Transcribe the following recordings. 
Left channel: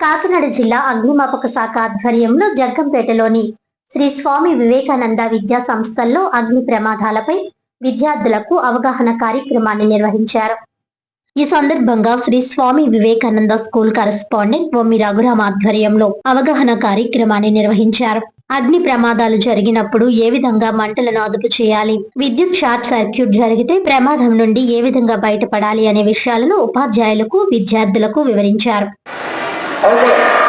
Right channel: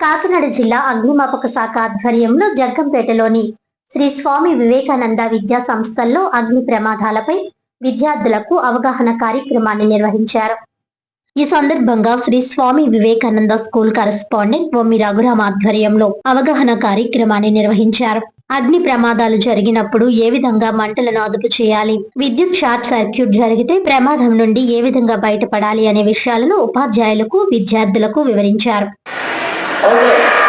కాకినాడ జిల్లా అగ్నిమాపక శాఖ ఆధ్వర్యంలో జగ్గంపేటలోని శ్రీ స్వామి వివేకానంద విద్యా సంస్థల్లో అగ్ని ప్రమాదాలపై విద్యార్థులకు అవగాహన కార్యక్రమాన్ని నిర్వహించారు. ఈ సందర్భంగా శ్రీ స్వామి వివేకానంద స్కూల్ కరెస్పాండెంట్ బొమ్మి రఘురామ ఆధ్వర్యంలో అవగాహన కార్యక్రమాన్ని నిర్వహించారు. అగ్ని ప్రమాదాలు జరిగినప్పుడు ఏ విధంగా మంటలను అదుపు చేయాలి విద్యుత్ షార్ట్ సర్క్యూట్ జరిగితే ప్రమాదం నుండి ఏ విధంగా బయటపడాలి అనే విషయాలను ఉపాధ్యాయులకు విద్యార్థులకు వివరించారు. Okay.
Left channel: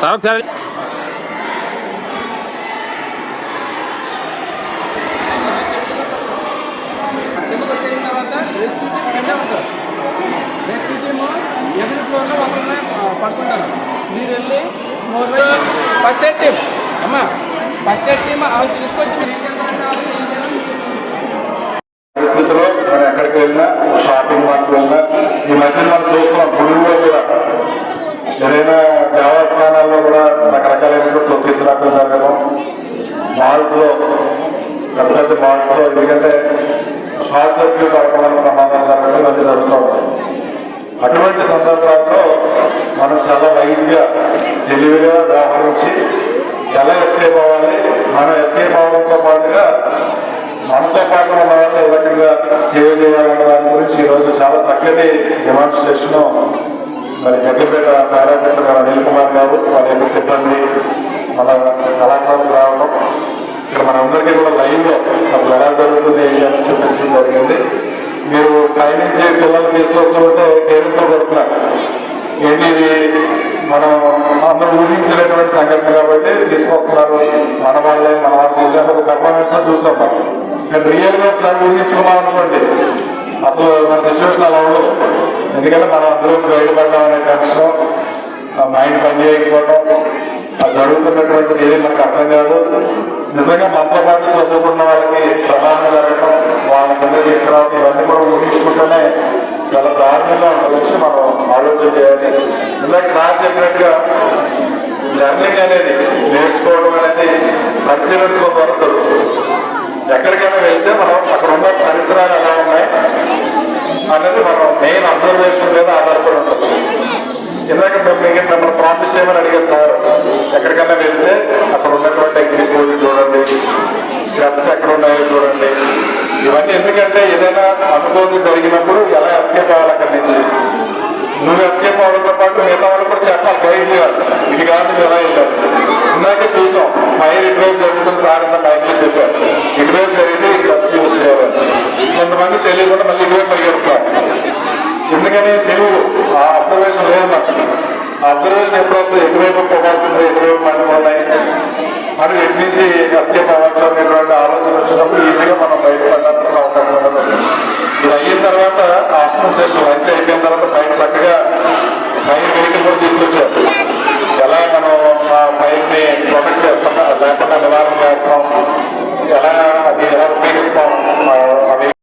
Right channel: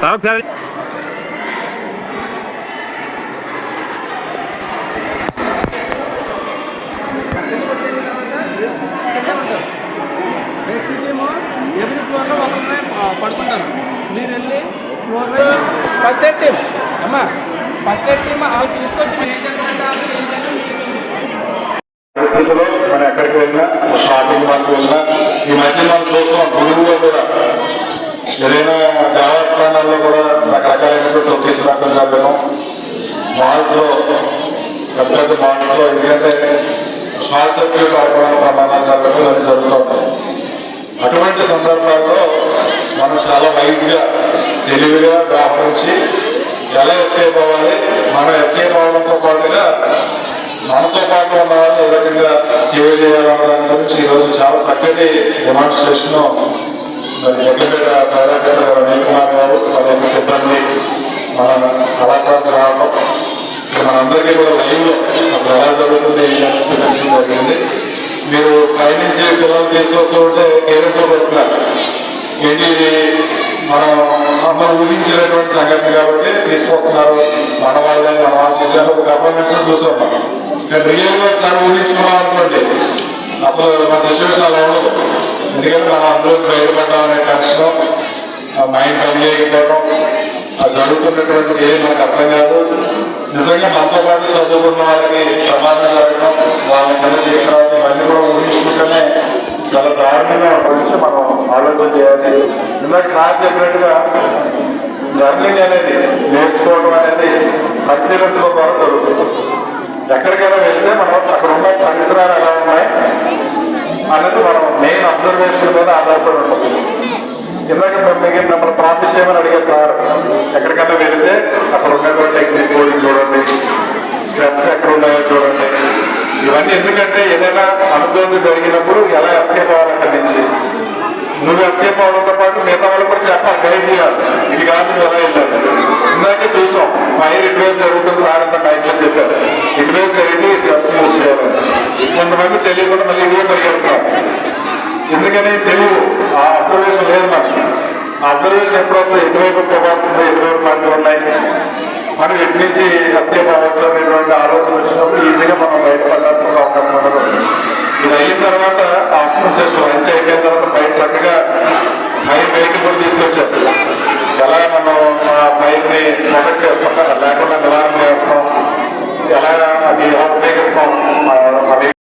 సార్ ఒకసారి ఫస్ట్ ఎయిడ్ టీమ్ అమ్మా ఫస్ట్ ఎయిడ్ టీమ్ వాళ్ళు తీసుకొచ్చి మీరు ఏం చేస్తారంటే వాళ్ళు ఏం చేయాలి పరిస్థితుల్లో మనం ఎక్కడికి వెళ్ళినా షాపింగ్ మాల్కి వెళ్ళినా ఈ మధ్య మనం చూస్తున్నాం తెలుగులో కూడా ఏదైనా దేవస్థానాల్లో ఎందుకంటే షార్ట్ సర్క్యూట్ అవ్వడం జరుగుతుంది అటువంటి సందర్భాల్లో మనం చాలా వైజ్గా తెలివిగా వ్యవహరించి ఎలా ఎస్కేప్ అవ్వాలి? మనం ఎస్కేప్ అవ్వడంతో పాటుగా మనతో పాటు ఉన్న వాళ్ళు ఏ రకంగా సేవ చేయాలన్న దాని గురించి ఈరోజు చాలా చక్కటి డెమాన్స్ట్రేషన్ మరి జగ్గపేట డైరెక్టర్ గారు అనిల్ కుమార్ గారు వాళ్ళ సిబ్బంది మంచి పిల్లలు తీసుకొస్తూ ఉంటే కేరింపు చెప్తున్నారు ఏంటి ఇది మనం ఊహించినటువంటి సంగతి కాబట్టి తీసుకొస్తున్నారు. మన వాళ్ళే మన వాళ్ళే ఒక అపాయింట్మెంట్స్ చూస్తాం. కానీ రియల్గా ఒకసారి ఊహించుకున్నాం అనుకోండి అసలు మన సిచ్యువేషన్ అలా ఉండదు. ఎందుకంటే మనం అందులో బయటపడ్డాం అనే టెన్షన్ మైండ్ పని చేయకపోవడం అది జరుగుతున్నటువంటి ఏది నాకు అర్థం కాదు. నిజంగా మనతో పాటు చదువుకున్న ఇందాక సార్ చెప్పినట్టుగా లెర్నింగ్ అనేది నేర్చుకోవడం అనేది పరిశీలనలో పడుతుంది ఎక్కడికైనా వెళ్తే మనం అక్కడ ఉన్న పరిసరాలు ఎలా ఉన్నాయి అనేది మనం మెయిన్ అబ్జర్వేషన్ మీద ఆధారపడి ఉంటుంది. ఇందాక మేము మీకు నన్ను ప్రామిస్ చేయమని అడిగారు సార్ ఎక్కడికైనా వెళ్తే అక్కడ ఉన్నటువంటి ఎగ్జిట్ చూడండి స్ట్రెస్ ఎక్కడ ఉన్నాయో చూడండి. ఇవన్నీ ఎందుకంటే ఏదైనా అనుభవం జరిగినప్పుడు ఎలా ఎస్కేప్ అవ్వాలి అక్కడి నుంచి నువ్వు ఎస్కేప్ అవ్వడంతో పాటు మిగతా వాళ్ళు చేయాలి ఇది కాదు మొదలు వెళ్ళాలి చూసాం. ఫైర్ రిపేర్ జరుగుతుంది సార్ అంత టైంలో చెప్పారు. రిపేర్ జరిగితే యూజ్ చేయాలి. కొంతమంది తెలియకుండా మళ్ళీ ఇదే ఎందుకని తెలుగు ఆ అబ్జర్వేషన్ లేదు మనకి అబ్జర్వేషన్ ఎప్పుడు వస్తుంది? ఎటువైపు పొగ వస్తుంది ఎటువైపు ఉన్నాయి మనం ఎటు నుంచి ఎస్కేప్ అవ్వచ్చు? అనేటువంటి ఆలోచన